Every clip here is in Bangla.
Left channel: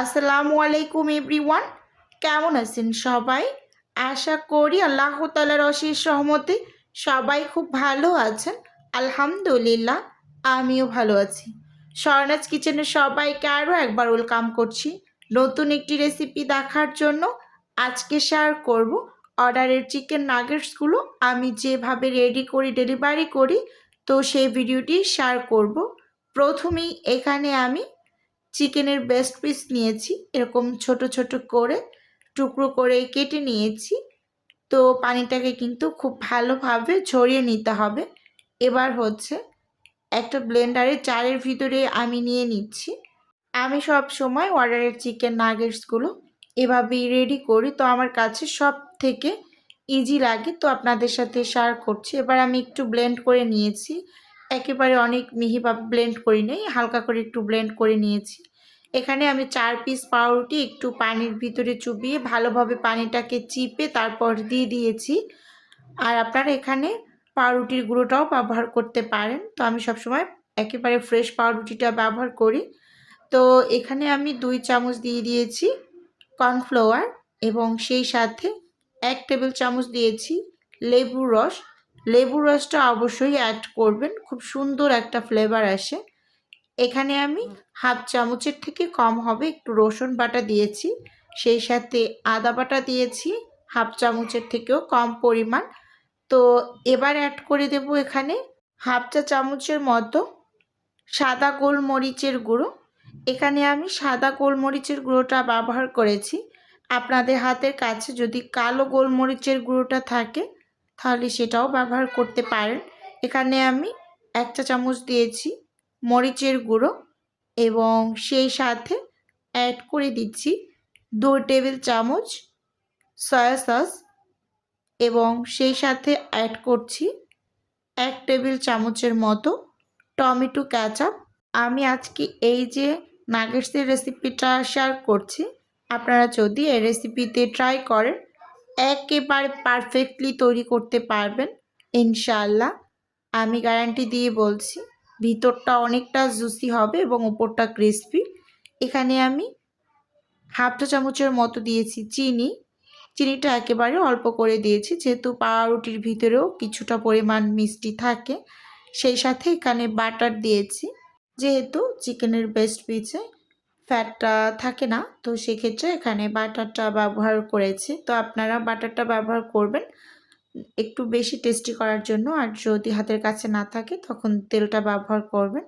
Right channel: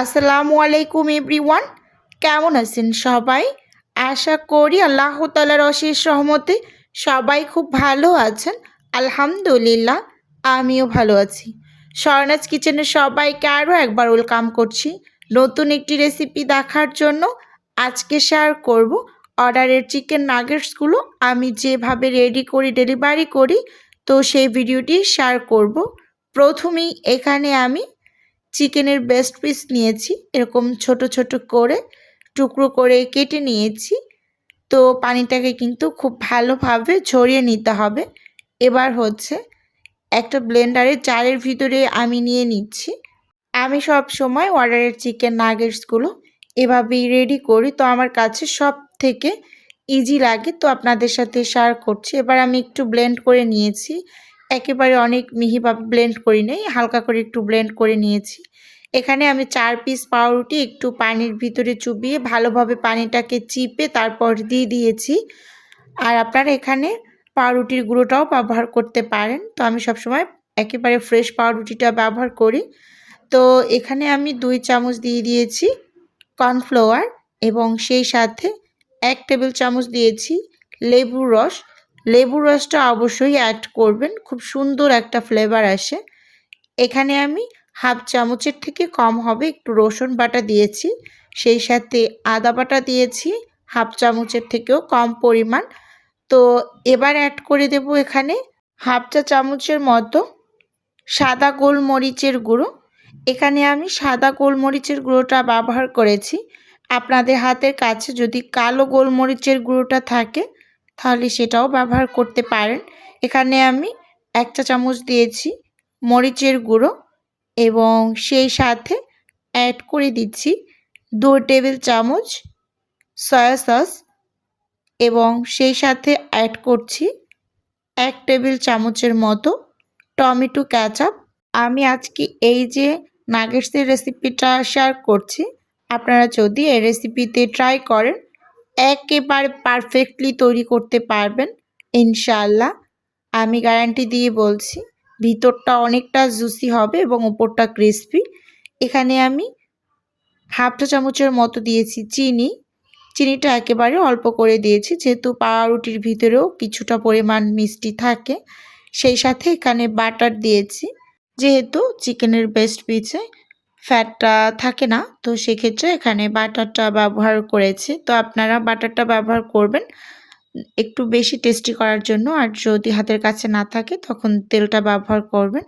আসসালামু আলাইকুম এভরিওয়ান, কেমন আছেন সবাই? আশা করি আল্লাহ তাআলার অশেষ রহমতে সবাই খুব ভালো আছেন। আলহামদুলিল্লাহ, আমিও ভালো আছি। স্বর্ণাজ কিচেনে সবাইকে আরও একবার ওয়েলকাম করছি নতুন একটি রেসিপি দেখার জন্য। আজকে শেয়ার করব অর্ডারের চিকেন নাগেটসগুলো আমি যেভাবে রেডি করি, ডেলিভারি করি, তো সেই ভিডিওটি শেয়ার করব। প্রথমেই এখানে আমি চিকেনের বেস্ট পিস নিয়েছি, এরকম ছোট ছোট করে টুকরো করে কেটে নিয়েছি। তো পানিটাকে কিন্তু খুব ভালোভাবে ঝরিয়ে নিতে হবে। এবার হচ্ছে একটা ব্লেন্ডারে জারের ভিতরে আমি নিয়ে নিচ্ছি। আমি সব সময় অর্ডারের চিকেন নাগেটসগুলো এভাবেই রেডি করি, তো আমার কাছে সব থেকে ইজি লাগে, তো আপনাদের সাথে শেয়ার করছি। এবার আমি একটু ব্লেন্ড করে নিয়েছি, একেবারে অনেক মিহিভাবে ব্লেন্ড করি নাই, হালকা করে একটু ব্লেন্ড করে নিয়েছি। এখানে আমি 4 পিস পাউরুটি একটু পানির ভিতরে চুবিয়ে ভালোভাবে পানিটাকে চিপে তারপর দিয়ে দিয়েছি। আর আপনারা এখানে পাউরুটির গুঁড়োটাও ব্যবহার করতে পারেন, তো আমি সবসময় একেবারে ফ্রেশ পাউরুটিটা ব্যবহার করি। তো এখানে আমি 2 চামচ দিয়ে দিয়েছি কর্নফ্লাওয়ার এবং সেই সাথে 1 টেবিল চামচ দিয়েছি লেবুর রস। লেবুর রসটা অবশ্যই অ্যাড করবেন, খুব সুন্দর একটা ফ্লেভার আসে। এখানে আমি হাফ চামচের থেকে কম হবে একটু রসুন বাটা দিয়েছি, সেই সাথে আদা বাটা দিয়েছি হাফ চামচের থেকেও কম পরিমাণ। তো এবার অ্যাড করে দেব এখানে হাফ চা চামচের মতো সাদা গোলমরিচের গুঁড়ো। এখানে আমি সাদা গোলমরিচের গুঁড়োটা ব্যবহার করেছি। আপনাদের হাতের কাছে যদি কালো গোলমরিচের গুঁড়োটা থাকে তাহলে সেটাও ব্যবহার করতে পারেন। এখানে আমি 1 চা চামচ দিয়েছি মরিচের গুঁড়ো এবং সেই সাথে অ্যাড করে দিচ্ছি 2 টেবিল চামচ সয়া সস এবং সেই সাথে অ্যাড করছি 1 টেবিল চামচের মতো টমেটো কেচাপ। আমি আজকে এই যে নাগেটসের রেসিপিটা শেয়ার করছি, আপনারা যদি এই রেসিপিতে ট্রাই করেন একেবারে পারফেক্টলি তৈরি করতে পারবেন ইনশাআল্লাহ। আমি গ্যারান্টি দিয়ে বলছি, ভিতরটা অনেকটা জুসি হবে এবং উপরটা ক্রিসপি। এখানে আমি হাফ চা চামচের মতো দিয়েছি চিনি। চিনিটা একেবারে অল্প করে দিয়েছি, যেহেতু পাউরুটির ভিতরেও কিছুটা পরিমাণ মিষ্টি থাকে। সেই সাথে এখানে বাটার দিয়েছি, যেহেতু চিকেনের বেস্ট পিসে ফ্যাটটা থাকে না, তো সেক্ষেত্রে এখানে বাটারটা ব্যবহার করেছি। তো আপনারা বাটারটা ব্যবহার করবেন একটু বেশি টেস্টি করার জন্য, আর যদি হাতের কাছে না থাকে তখন তেলটা ব্যবহার করবেন।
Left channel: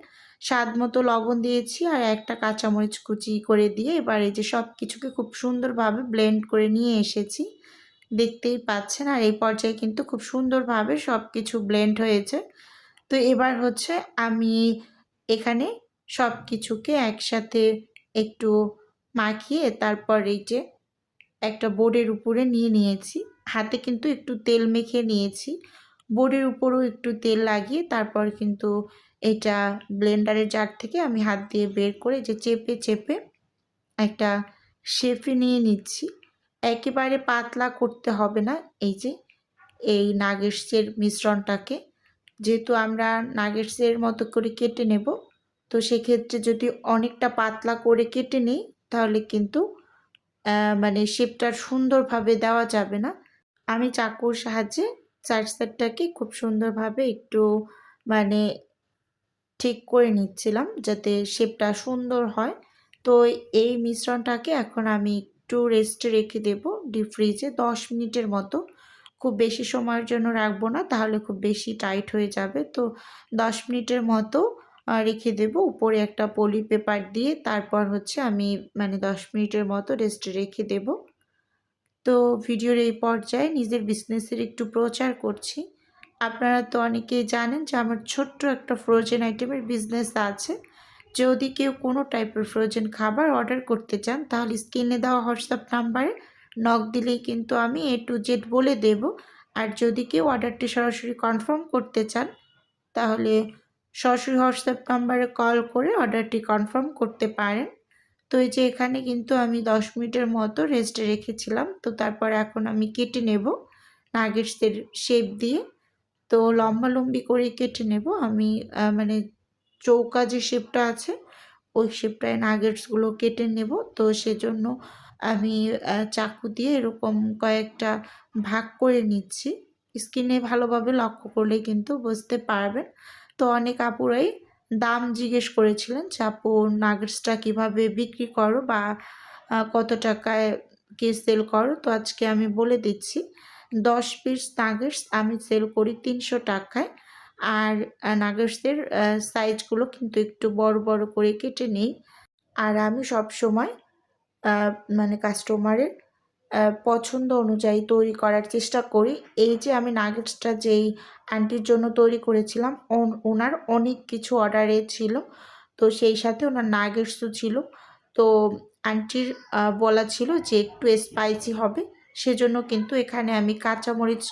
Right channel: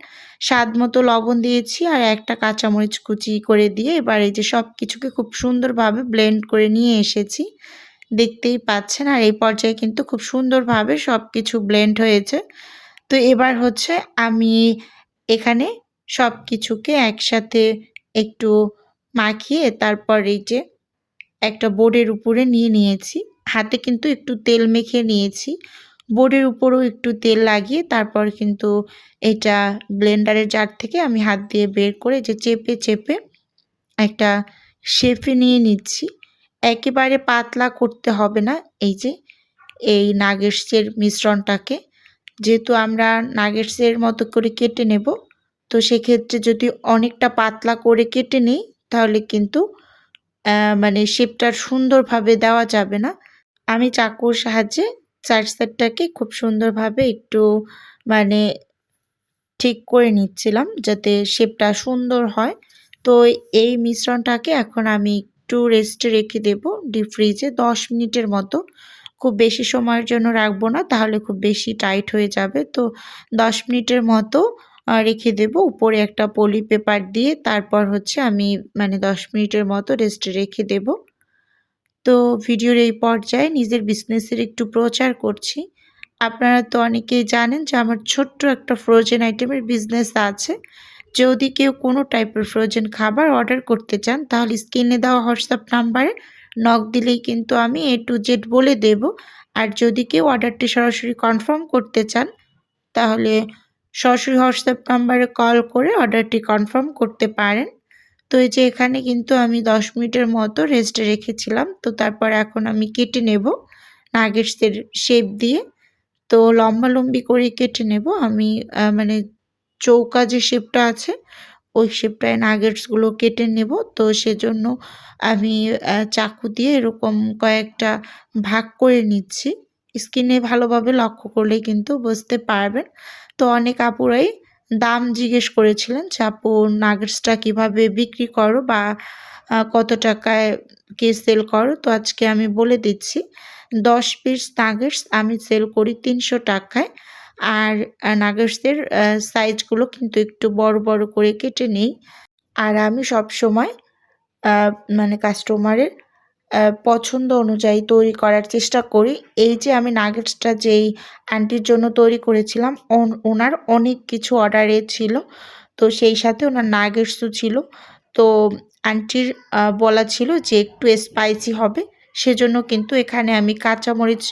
স্বাদ মতো লবণ দিয়েছি আর একটা কাঁচামরিচ কুচি করে দিয়ে এবার এই যে সব কিছুকে খুব সুন্দরভাবে ব্লেন্ড করে নিয়ে এসেছি, দেখতেই পাচ্ছেন। আর এই পর্যায়ে কিন্তু খুব সুন্দরভাবে সব কিছু ব্লেন্ড হয়েছে। তো এবার হচ্ছে আমি এখানে সব কিছুকে একসাথে একটু মাখিয়ে তারপর এই যে একটা বোর্ডের উপরে নিয়ে নিয়েছি। হাতে কিন্তু একটু তেল মেখে নিয়েছি, বোর্ডের উপরেও একটু তেল লাগিয়ে তারপর কিন্তু এটা ব্লেন্ডারের জার থেকে আমি হাত দিয়ে বের করে যে চেপে চেপে একটা শেপে নিয়ে নিচ্ছি। একেবারে পাতলা করতে হবে না এই যে এই নাগেটসের মিশ্রণটাকে, যেহেতু আমরা নাগেটসের মতো করে কেটে নেব, তো সেক্ষেত্রে যদি অনেকটা পাতলা করে কেটে নিই তাহলে কিন্তু মানে শেপটা সুন্দরভাবে দেওয়া যাবে না। আমি চাকুর সাহায্যে চার সাইডটাকে খুব সুন্দরভাবে একটু মানে ঠিক করে নিচ্ছিলাম যাতে শেপটা সুন্দর হয়। তো এই মিশ্রণটাকে এখন আমি একটু রেস্টে রেখে দেব ডিপ ফ্রিজে 10 মিনিটের মতো। খুব বেশি সময়ের জন্য রাখবো না, তাহলে খুব বেশি টাইট হয়ে যাবে। তো 10 মিনিটের মতো রেখে দেব উপরে একটা পলি পেপার দিয়ে। তারপর হচ্ছে আমি মানে 10 মিনিটের মতো রেস্টে রেখে দেব। তো ভিডিওর এই পর্যায়ে নিজের বিজনেসের একটু প্রচার করছি। আপনারা তো অনেকেই জানেন যে আমার ছোট্ট একটা ফ্রোজেন আইটেমের বিজনেস আছে। যদি কেউ কোনো টাইপের ফ্রোজেন খাবার অর্ডার করতে চান তাহলে স্ক্রিনে দেওয়া হোয়াটসঅ্যাপ নাম্বারে নক দিলেই কিন্তু আমি A to Z বলে দেব। আর যদি কেউ অর্ডারটি সরাসরি কনফার্ম করতে চান তাহলে সরাসরি হোয়াটসঅ্যাপ নাম্বারে কল করে অর্ডারটি কনফার্ম করতে পারেন। তো এই যে এখানে কিন্তু আমি 10 মিনিটের মতো রেস্টে রেখেছিলাম। তো তারপর এখন আমি কেটে নেব নাগেটসের শেপ দিয়ে। তো লম্বালম্বি করে কেটে নেব আমি, মানে চৌকা যে শেপটা আছে ওই শেপটায় নাগেটসগুলো কেটে নেব। তো সেজন্য আমি চাকু দিয়ে এরকম কয়েকটা ভাগ করে নিচ্ছি। স্ক্রিনে ভালোভাবে লক্ষ্য করলেই কিন্তু বুঝতে পারবেন। তো অনেক আপুরাই দাম জিজ্ঞেস করেছিলেন যে, "আপু নাগেটসটা কীভাবে বিক্রি করো বা কত টাকায় কি সেল করো?" তো আজকে আমি বলে দিচ্ছি। 10 পিস নাগেটস আমি সেল করি ৳300 য়। আর নাগেটসের সাইজগুলো কিন্তু একটু বড়, বড় করে কেটে নেই। আর আমি সবসময় আ মানে কাস্টমারের পছন্দ অনুযায়ী তৈরি করার চেষ্টা করি। এই যে আমি নাগেটসটা যেই আন্টির জন্য তৈরি করেছিলাম, ওনার অনেক কিছু অর্ডারে ছিল। তো সেই সাথে ওনার নাগেটসও ছিল। তো আন্টির বলা ছিল যে একটু স্পাইসি হবে। সেজন্য কিন্তু এখানে আমি কাঁচামরিচ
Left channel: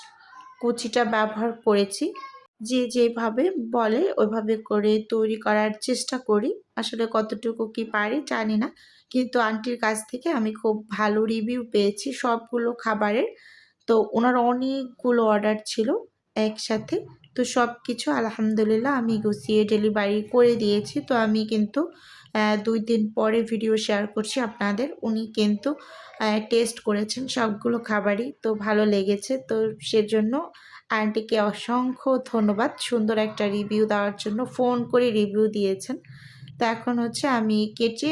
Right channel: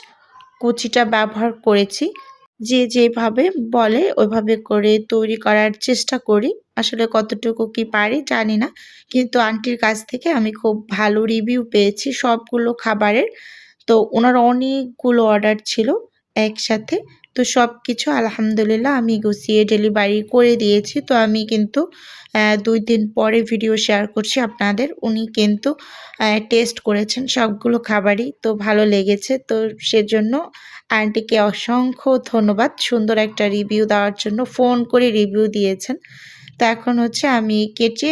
কুচিটা ব্যবহার করেছি। যে যেভাবে বলে ওইভাবে করে তৈরি করার চেষ্টা করি। আসলে কতটুকু কি পারি জানি না। কিন্তু আন্টির কাছ থেকে আমি খুব ভালো রিভিউ পেয়েছি সবগুলো খাবারের। তো উনার অনেকগুলো অর্ডার ছিল একসাথে। তো সবকিছু আলহামদুলিল্লাহ আমি গুছিয়ে ডেলিভারি করে দিয়েছি। তো আমি কিন্তু ২ দিন পরে ভিডিও শেয়ার করছি আপনাদের। উনি কিন্তু টেস্ট করেছেন সবগুলো খাবারই। তো ভালো লেগেছে। তো সেজন্য আন্টিকে অসংখ্য ধন্যবাদ। সুন্দর একটা রিভিউ দেওয়ার জন্য। ফোন করে রিভিউ দিয়েছেন। তো এখন হচ্ছে আমি কেটে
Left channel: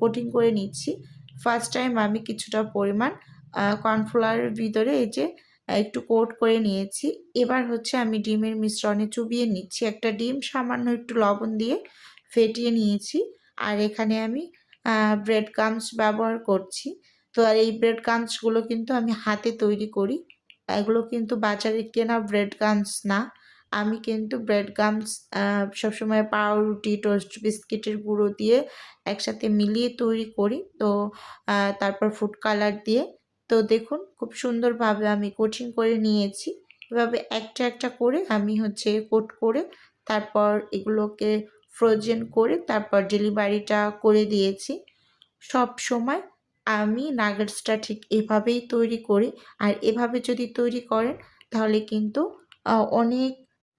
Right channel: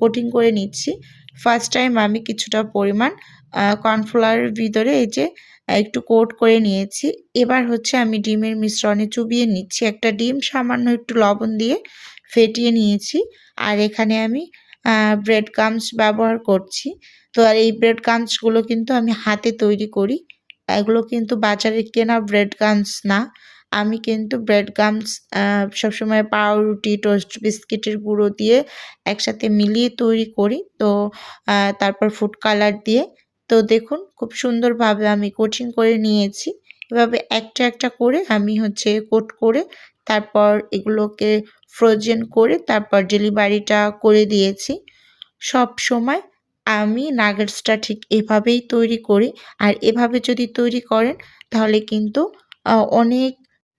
কোটিং করে নিচ্ছি। ফার্স্ট টাইম আমি কিছুটা পরিমাণ কর্নফ্লাওয়ারের ভিতরে এই যে একটু কোট করে নিয়েছি। এবার হচ্ছে আমি ডিমের মিশ্রণে চুবিয়ে নিচ্ছি। একটা ডিম সামান্য একটু লবণ দিয়ে ফেটিয়ে নিয়েছি। আর এখানে আমি ব্রেড ক্রাম্বস ব্যবহার করছি। তো আর এই ব্রেড ক্রাম্বসগুলো কিন্তু আমি হাতে তৈরি করি। এগুলো কিন্তু বাজারে কেনা ব্রেড ক্রাম্বস না। আমি কিন্তু ব্রেড ক্রাম্বস সবসময় পাউরুটি, টোস্ট বিস্কিটের গুঁড়ো দিয়ে একসাথে মিলিয়ে তৈরি করি। তো তারপর ফুড কালার দিয়ে। তো দেখুন খুব সুন্দরভাবে আমি কোটিং করে নিয়েছি। এভাবে একটা, একটা করে আমি হচ্ছে কোট করে তারপর এগুলোকে ফ্রোজেন করে তারপর ডেলিভারিটা করে দিয়েছি। সবসময় আমি নাগেটসটা ঠিক এভাবেই তৈরি করি। আর এভাবে যদি তৈরি করেন তাহলে কিন্তু অনেক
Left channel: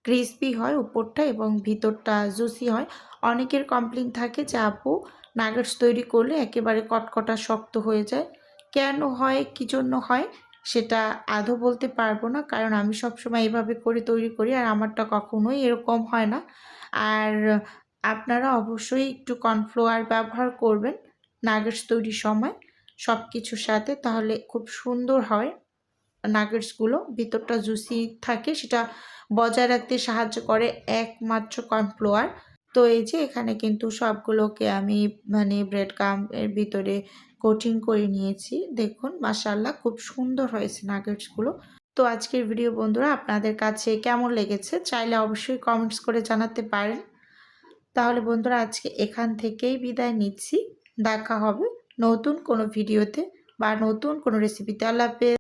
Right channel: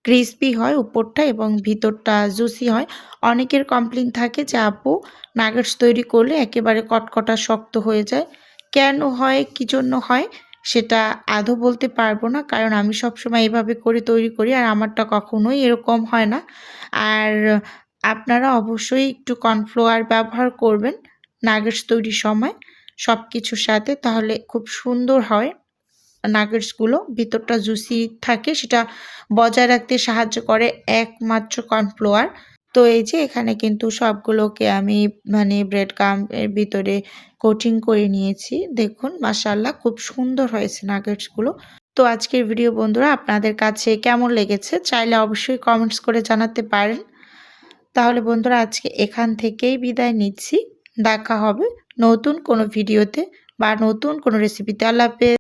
ক্রিসপি হয় উপরটা এবং ভিতরটা জুসি হয়। অনেকের কমপ্লেইন থাকে যে, "আপু নাগেটস তৈরি করলে একেবারে কটকটা শক্ত হয়ে যায়।" কেন হয়, কী জন্য হয় সেটা আদৌ বলতে পারবো না। কারণ আমি সবসময় এভাবে করে তৈরি করি আর আমারটা কখনোই এরকম হয় না। আর আপনারা অবশ্যই একটু কর্নফ্লাওয়ার ব্যবহার করবেন নাগেটস তৈরির সময় সবকিছুর সাথে। তাহলে খুব সুন্দর হয় নাগেটসগুলো। ভিতরটা জুসি থাকে সেটা বজায় রাখতে সাহায্য করে একমাত্র কর্নফ্লাওয়ার। তো এই যে এখানে কিন্তু সবগুলোকে আমি মানে ব্রেড ক্রাম্ব এর ভিতরে কোটিং করে নিয়েছি। দেখুন মাশাআল্লাহ খুব সুন্দর হয়েছে নাগেটসগুলো। তো আজকের ভিডিও বন্ধুরা আপনাদের কাছে কেমন লেগেছে চাইলে অবশ্যই কমেন্টস করে জানাতে পারেন। তাহলে বন্ধুরা আজকে এখান থেকেই বিদায় নিচ্ছি। দেখা হবে নতুন কোনো ভিডিওতে বা নতুন কোনো রেসিপিতে। আল্লাহ হাফেজ।